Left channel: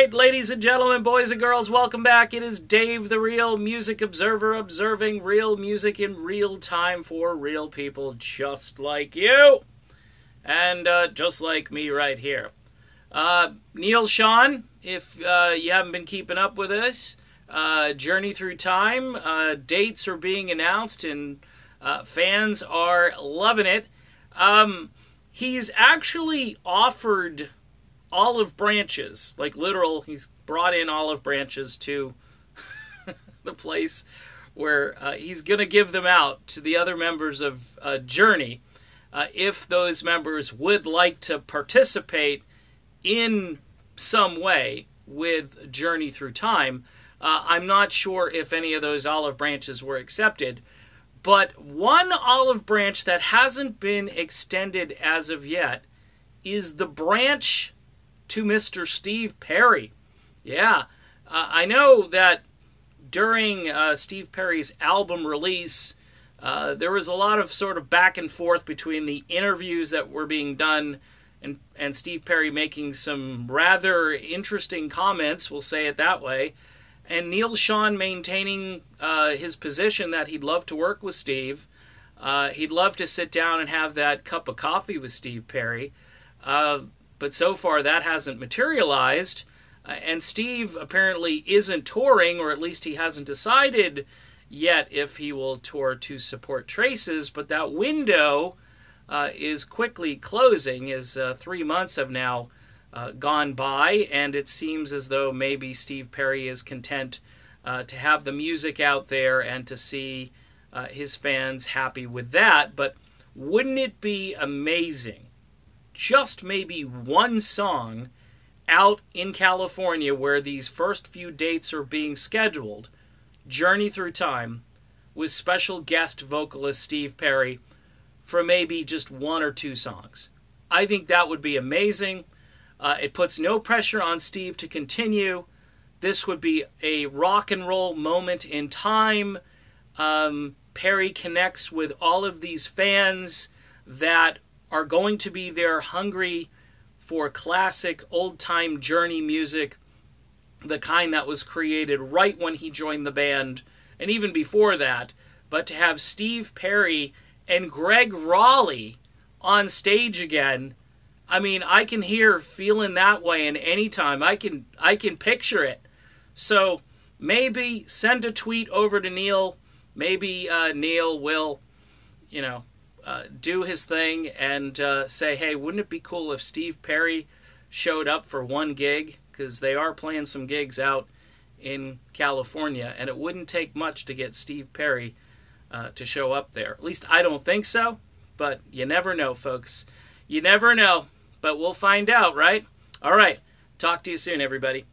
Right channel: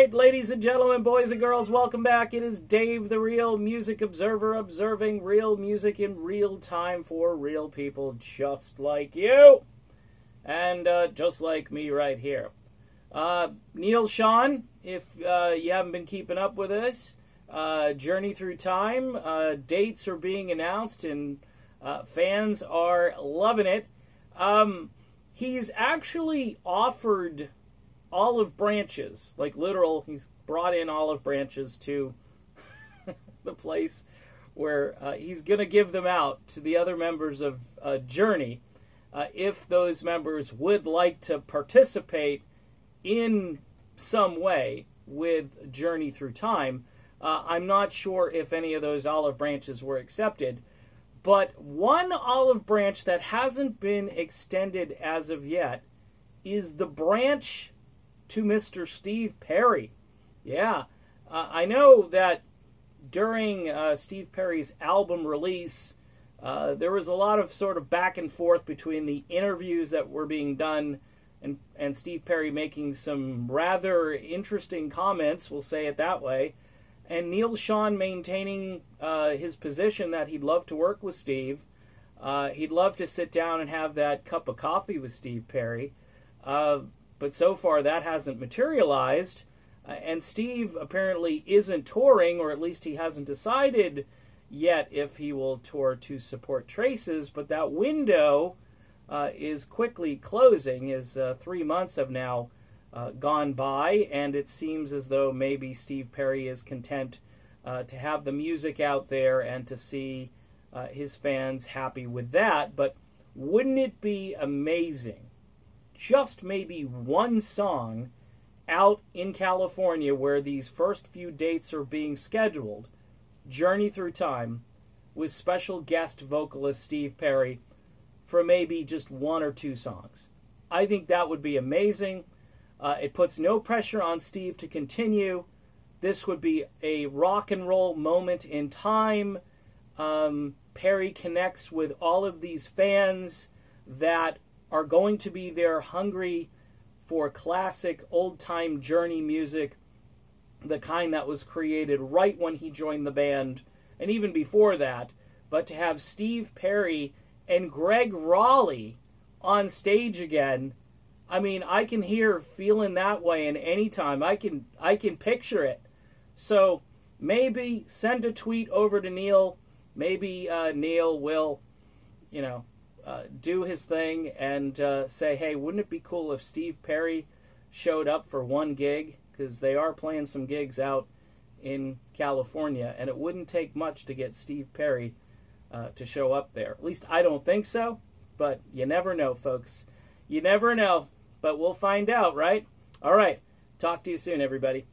right, ladies and gentlemen, boys and girls, welcome back. It is Dave, the Real Music Observer, observing real music in real time for real people just like you. And just like me right here. Neal Schon, if you haven't been keeping up with us, Journey Through Time, dates are being announced and fans are loving it. He's actually offered olive branches, like literal, he's brought in olive branches to the place where he's going to give them out to the other members of Journey if those members would like to participate in some way with Journey Through Time. I'm not sure if any of those olive branches were accepted, but one olive branch that hasn't been extended as of yet is the branch to Mr. Steve Perry. Yeah, I know that during Steve Perry's album release, there was a lot of sort of back and forth between the interviews that were being done and Steve Perry making some rather interesting comments, we'll say it that way, and Neal Schon maintaining his position that he'd love to work with Steve. He'd love to sit down and have that cup of coffee with Steve Perry. But so far that hasn't materialized. And Steve apparently isn't touring, or at least he hasn't decided yet if he will tour to support Traces. But that window is quickly closing, as 3 months have now gone by, and it seems as though maybe Steve Perry is content to have the music out there and to see his fans happy with that. But wouldn't it be amazing, just maybe one song out in California where these first few dates are being scheduled, Journey Through Time, with special guest vocalist Steve Perry for maybe just one or two songs? I think that would be amazing. It puts no pressure on Steve to continue. This would be a rock and roll moment in time. Perry connects with all of these fans that are going to be there hungry for classic old-time Journey music, the kind that was created right when he joined the band, and even before that. But to have Steve Perry and Greg Raleigh on stage again, I mean, I can hear feeling that way, and anytime I can picture it. So maybe send a tweet over to Neal. Maybe Neal will, do his thing and say, hey, wouldn't it be cool if Steve Perry showed up for one gig? Because they are playing some gigs out in California, and it wouldn't take much to get Steve Perry to show up there. At least I don't think so, but you never know, folks. You never know, but we'll find out, right? All right, talk to you soon, everybody.